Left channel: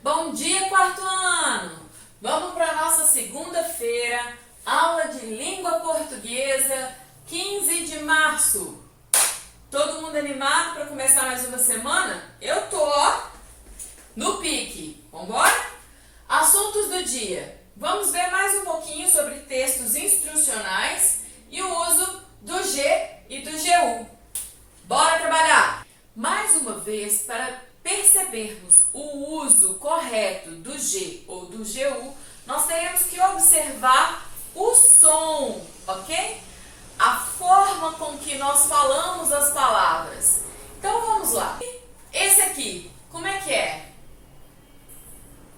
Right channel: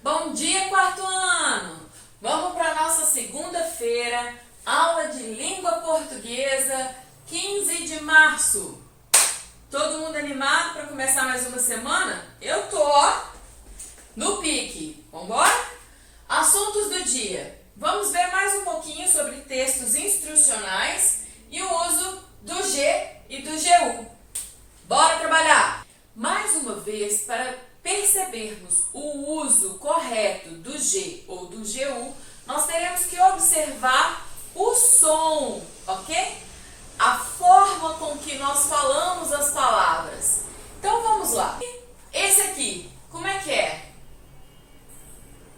Bom dia, quarto ano! Vamos para a nossa segunda-feira, aula de língua portuguesa, 15 de março. Todo mundo animado para começar mais uma semana? Eu tô no pique. Vambora? Assuntos do dia. Vamos ver mais um pouquinho sobre textos instrucionais e o uso do G e do GU. Bora trabalhar! Mais uma vez, para percebermos o uso correto do G ou do GU, nós teremos que observar o som, ok? A forma com que nós falamos as palavras. Então vamos lá. Esse aqui, como é que é?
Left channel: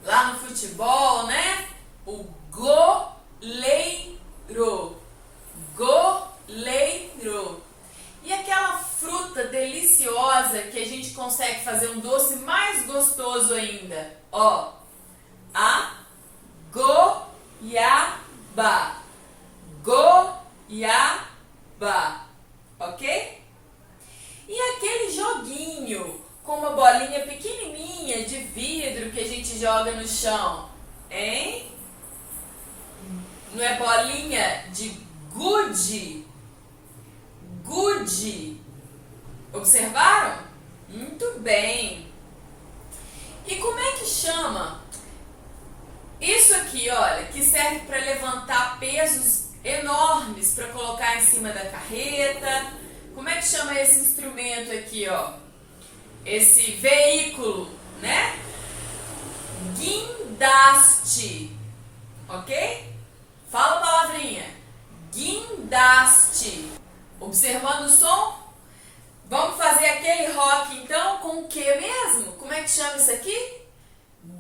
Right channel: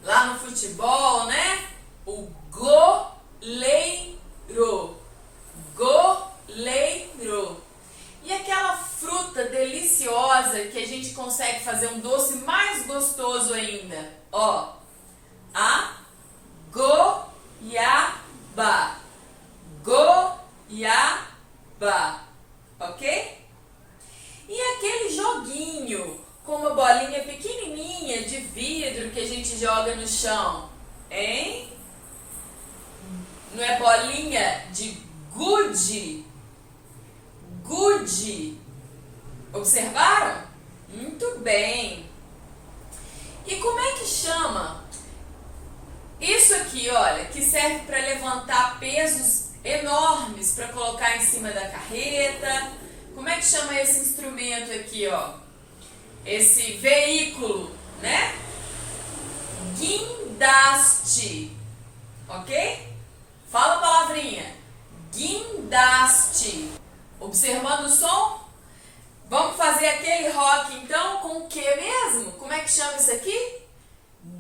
Lá no futebol, né? O goleiro. Goleiro. E aquela fruta deliciosa que a gente consegue fazer um doce mais gostoso ainda. Ó, a goiaba. Goiaba. Ok? E aquele joguinho com uma bolinha pequenininha de vidro que a gente joga no chão, hein? Não é bolinha de gude? Gude. Observaram? Muito bem. E como é que chama? Isso aqui, olha, que serve para levantar pesos enormes para colocar em cima da carreta. Como é que chama esse instrumento aqui, ó? Esse veículo, né? Guindaste. Ok? Fala a palavrinha. Guindaste. Observando o som? Vamos fazer aquele rock então com o que mesmo? Como é que chama isso aqui?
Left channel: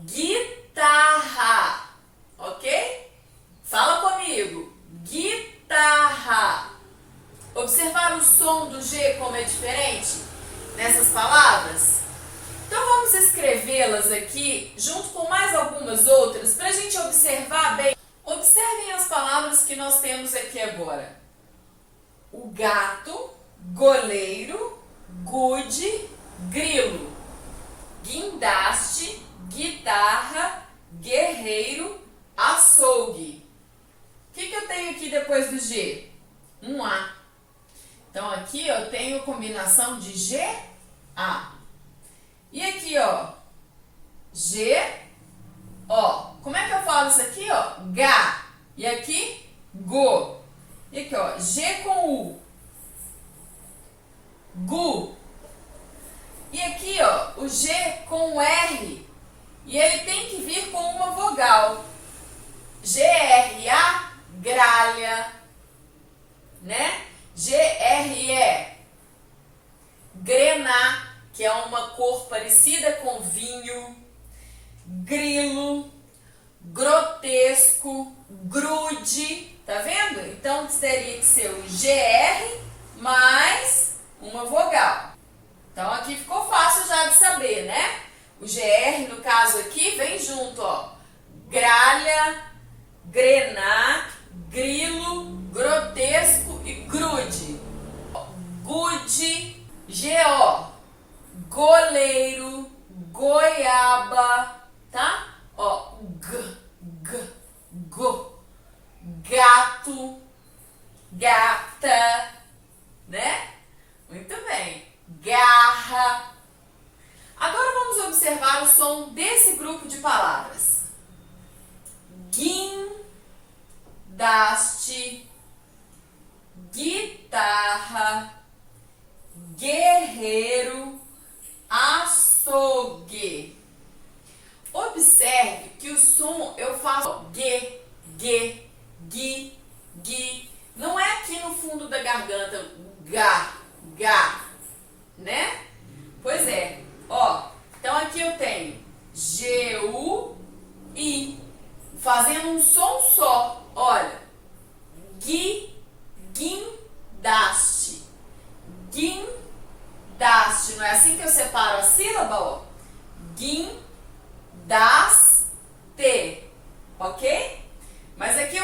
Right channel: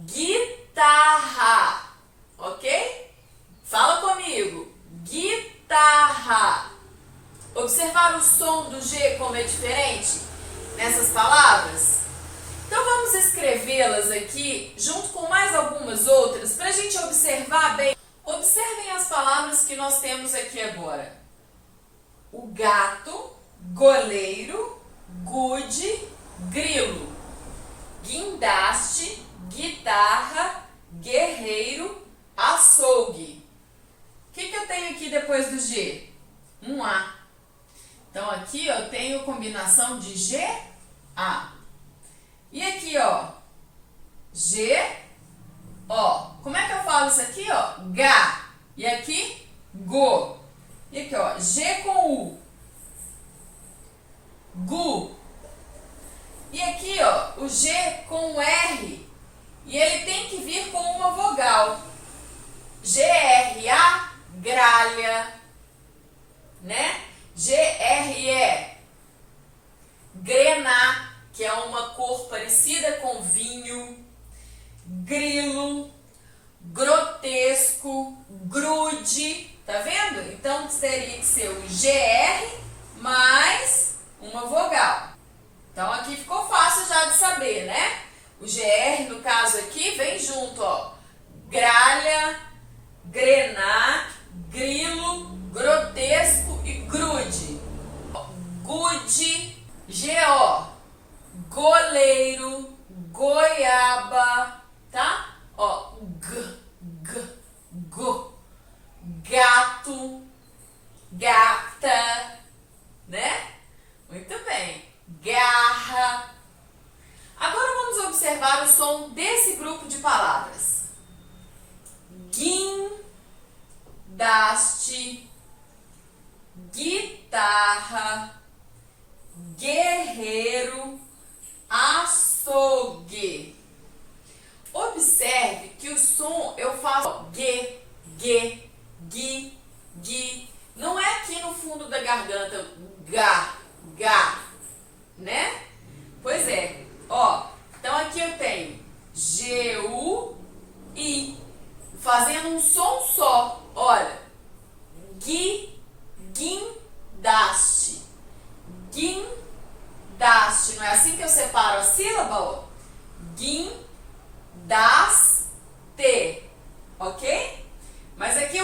Guitarra. Ok? Fala comigo. Guitarra. Observar o som do G como é diferente nessas palavras? Então vamos escrevê-las aqui junto com mais algumas outras para a gente observar bem. Observem as palavras que nós temos aqui agora. O gato, goleiro, gude, grilo. Guindaste, guitarra, guerreiro, açougue. O que eu tenho aqui depois do G? Um A. Então aqui eu tenho combinação de G, A. E aqui, ó, G, ó. Como é que eu falo isso aqui, ó? Gá. E aqui, go. E aqui, ó, G com U. Gu. E aqui, ó, o G com o R. E ele tem que vir com uma vogal. G-R-A, gralha. Né? G-R-E, grená, que é uma cor parecida com vinho. Grilo, grotesco, grude. Tá vendo? Então, teria que ser o GR mais uma vogal. Então, aqui ficou fácil já de saber, né? O GR, no caso aqui, vem junto, ó. Gralha, grená, grilo, grotesco e grude. Gude, G-O, goleiro, goiaba, tá? Ó, go. Gato, gata, né? Muito bem. Garra. Agora vamos observar o som desse grupo de palavras. Guindaste, guitarra, guerreiro, açougue. Observe que o som eu faço G, G, gui, gui. Não é aqui no fundo da garganta, gá, gá, né? Pois é, ó. Então aqui eu tenho G-U-I, fazendo um som só. Olha, gui, guindaste, guindaste. Não é assim que eu separo a sílaba, ó? Guindaste, ok? Mas aqui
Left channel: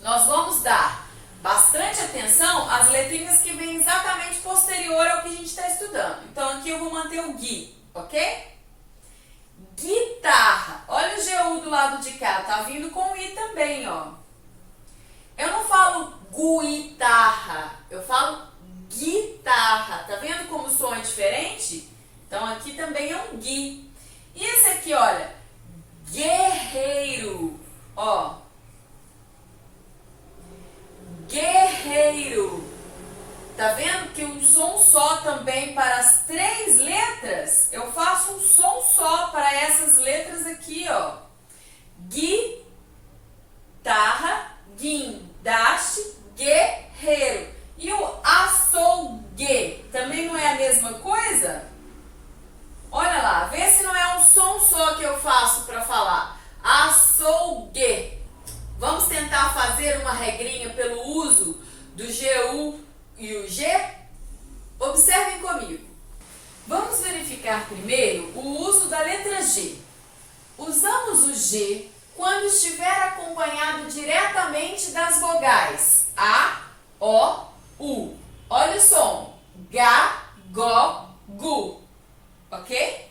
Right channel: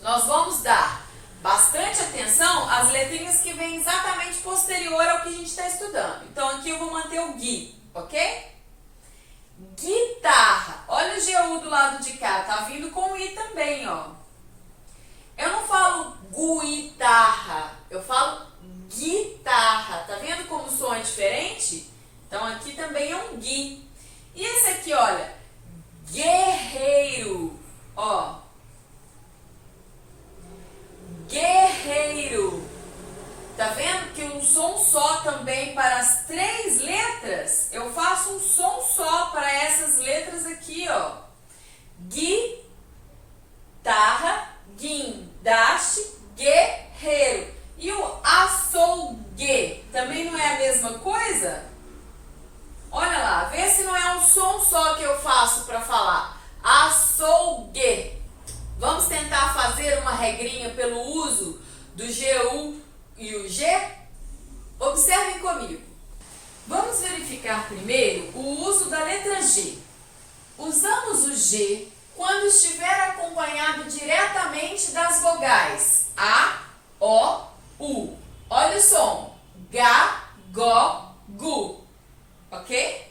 nós vamos dar bastante atenção às letrinhas que vêm exatamente posterior ao que a gente está estudando. Então aqui eu vou manter o gui, ok? guitarra. Olha o GU do lado de cá, tá vindo com I também, ó. Eu não falo guitarra, eu falo guitarra. Tá vendo como o som é diferente? Então aqui também é um gui. E esse aqui, olha, guerreiro, ó. Guerreiro. Tá vendo que um som só também para as 3 letras? Eu faço um som só para essas letras aqui, ó. Guitarra, guindaste, guerreiro. E o açougue também não é a mesma coisa? Olha lá, vê se não é um som só que eu faço para falar. Açougue. Vamos tentar fazer uma regrinha pelo uso do GU e o G? Observem comigo. Vamos verificar primeiro o uso da letra G. Usamos o G quando estiver acompanhado diretamente das vogais A, O, U. Olha o som. Ga, go, gu. Ok?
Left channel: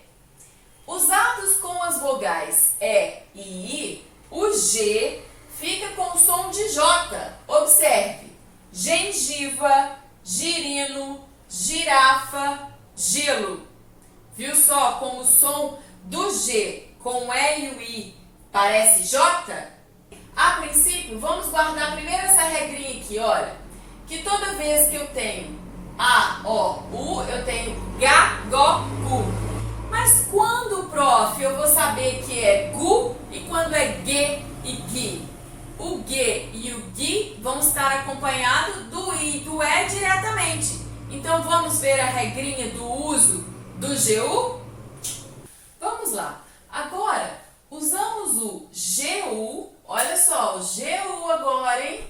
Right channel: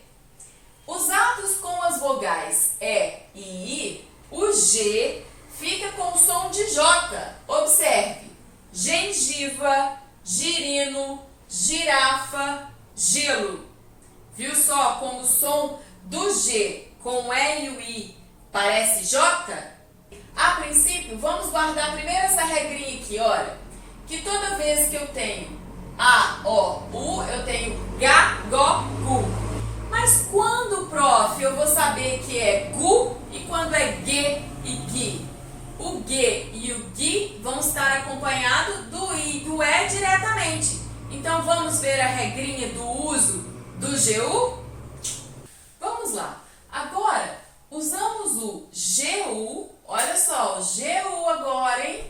Usados com as vogais E e I, o G fica com o som de J. Observe. Gengiva, girino, girafa, gelo. Viu só como o som do G com o E e o I parece J? A princípio, vamos guardar primeiro essa regrinha aqui, olha. Que toda vez que eu tenho A, O, U, eu tenho Ga, Go, Gu. Mas quando, prof, eu vou saber que é Gu e quando é G e Gui? O G e o Gui vão estar acompanhados do I e do E diretamente. Então, vamos ver a regrinha do uso do GU? Vamos lá. Agora, usamos o GU. Olha só, o GU agora, hein?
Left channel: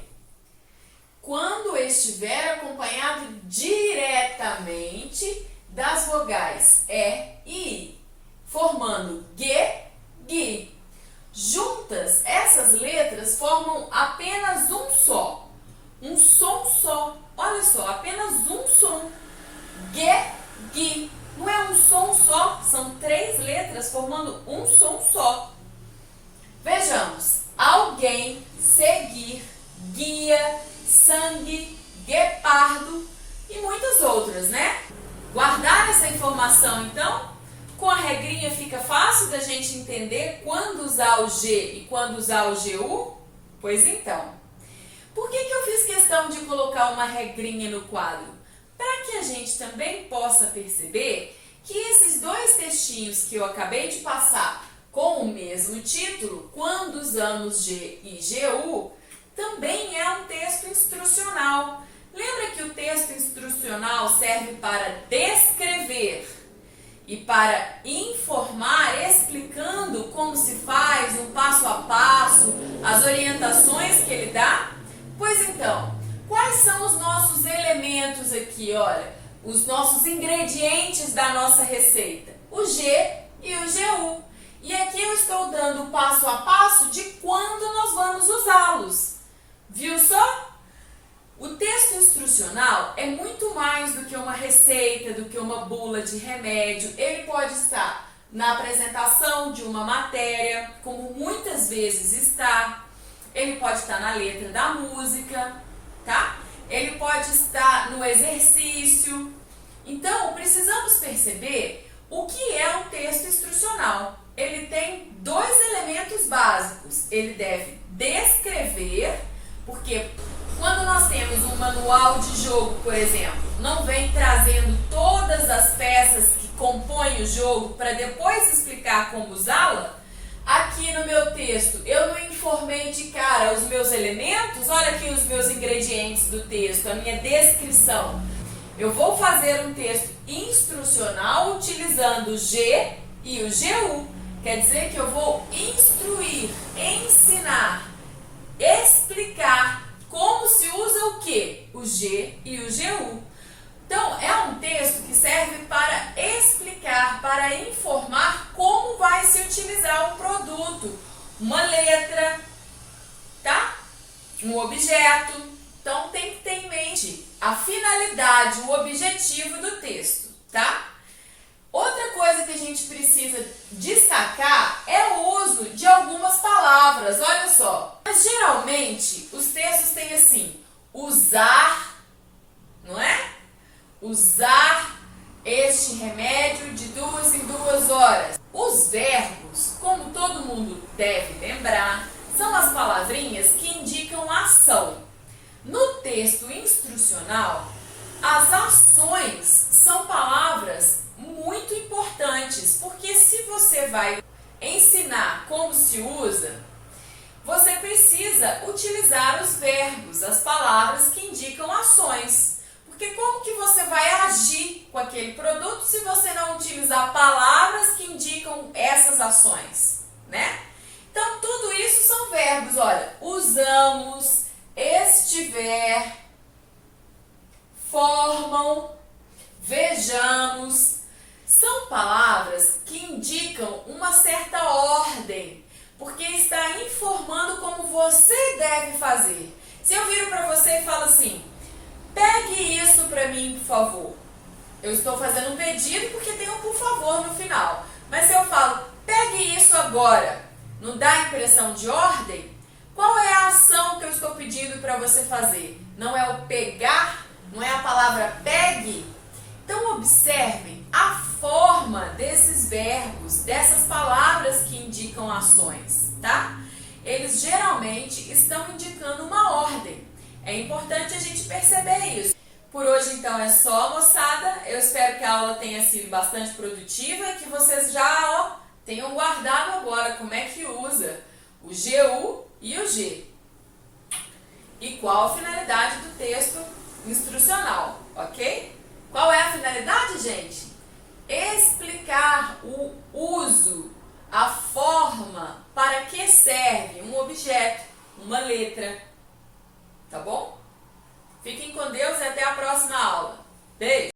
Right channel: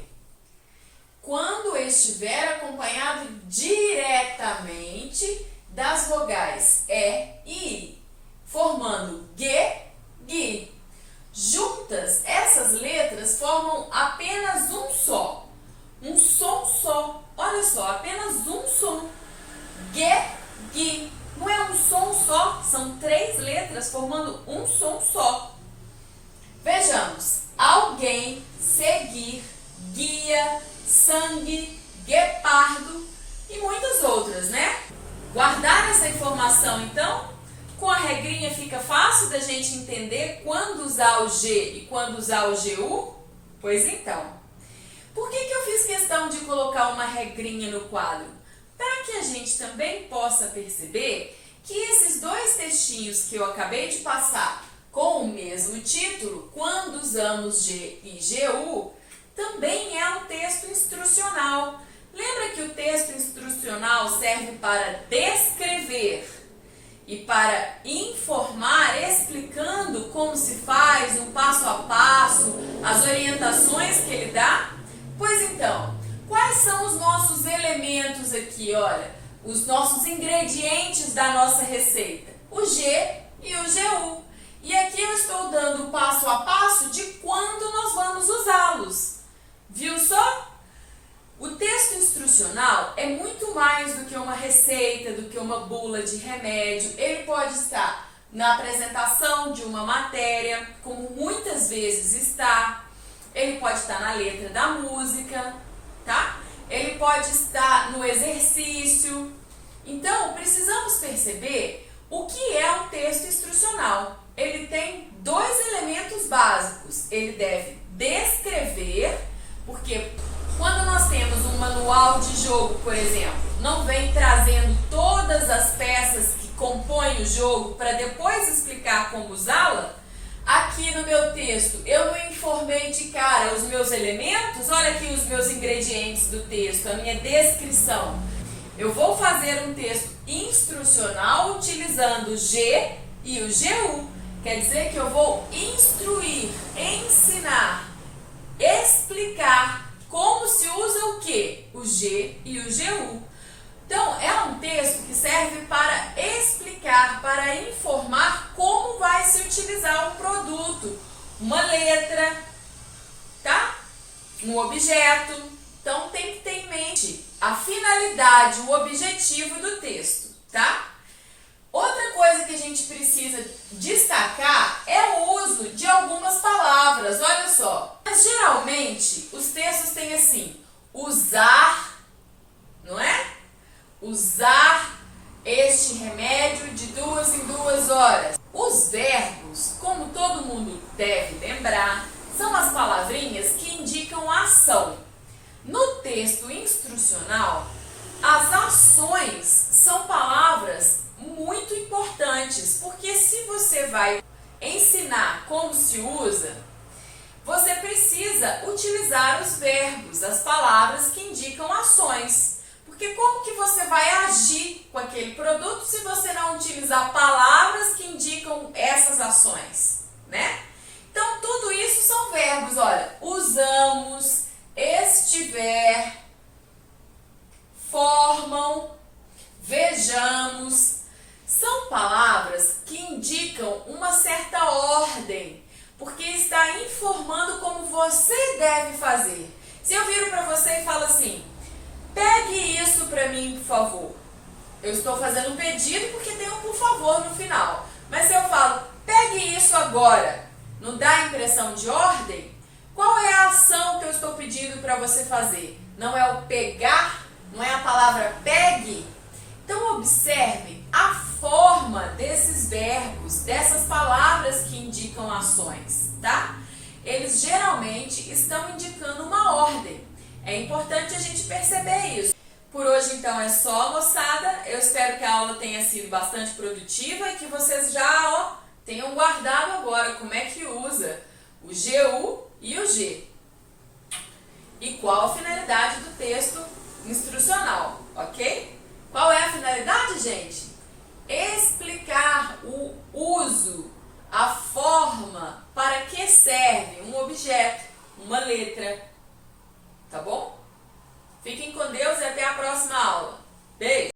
Quando estiver acompanhado diretamente das vogais E e I, formando G, Gui. Juntas, essas letras formam apenas um só. Um som só. Olha só, apenas um som. G, Gui. Não é um som só, são 3 letras formando um som só. Vejamos. Alguém, seguir, guia, sangue, guepardo e muitas outras, né? Guardar essa informação, então? Com a regrinha fica fácil da gente entender quando usar o G e quando usar o GU? Pois então. Por que eu fiz questão de colocar uma regrinha no quadro? Para que a gente também possa perceber que esses 2 textinhos que eu acabei de passar com o mesmo título, quando usamos G e GU, também é um texto instrucional. Lembra que o texto instrucional serve para descrever e para informar, explicando como se faz, um passo a passo, as orientações que ele dá? Pois então, quais são os nossos elementos aqui, olha, os nossos ingredientes da nossa receita? O G e o GU. E aqui eu estou dando o passo a passo de quando nós vamos usá-los. Viu só? O texto instrucional é muito mais do que uma receita, do que uma bula de remédio. Ele pode estar na apresentação de uma matéria, como muitas vezes está. Ele pode estar na letra da música, tá? Ele pode estar no exercício. Então, precisamos perceber o que é um texto instrucional. Ele tem 2 elementos básicos. Ele deve descrever, porque quando nós temos um manual de jogo, por exemplo, não vem trazendo todas as peças que compõem o jogo para depois explicar como usá-la. Aqui no meu texto, eu não informei de cara os meus elementos. Olha aqui os meus ingredientes do texto, a minha descrição. Eu vou fazer um texto instrucional utilizando o G e o GU. Quer dizer que eu vou instruir, ensinar, explicar como se usa o quê? O G e o GU. Então, é um texto que serve para explicar, para informar como vai se utilizar um produto, uma letra, tá? Um objeto. Então, tem que ter em mente a finalidade, o objetivo do texto, tá? Outra coisa que a gente precisa destacar é o uso de algumas palavras, olha só. Mas geralmente os textos têm assim, usar, não é? Usar este remédio de 2 em 2 horas. Os verbos, como todo mundo deve lembrar, são as palavrinhas que indicam ação. No texto instrucional, as ações são palavras muito importantes, porque se você vai ensinar como se usa, você precisa utilizar os verbos, as palavras que indicam ações. Porque como que você vai agir com aquele produto se você não utilizar palavras que indicam essas ações, né? Então, tudo isso são verbos, olha, usamos, estiver, formam, vejamos. São palavras que indicam uma certa ordem, porque está informando como você deve fazer. Se eu viro para você e falo assim, pegue isso para mim, por favor. Eu estou fazendo um pedido porque tem um por favor no final. Mas se eu falo, pegue isso agora, não dá a impressão de ordem? Qual é a ação que eu estou pedindo para você fazer? Não é o pegar? Não é a palavra pegue? Então observem a forma desses verbos, dessas palavras que indicam ações, tá? Eles geralmente estão indicando uma ordem. É importante a gente perceber isso. Por hoje, então, é só, moçada. Eu espero que a aula tenha sido bastante produtiva e que vocês já tenham guardado agora como é que usa o GU e o G. E qual a finalidade do texto instrucional, ok? Qual é a finalidade, gente? Explicar o uso, a forma, para que serve um objeto, uma letra. Tá bom? Fiquem com Deus e até a próxima aula. Beijo!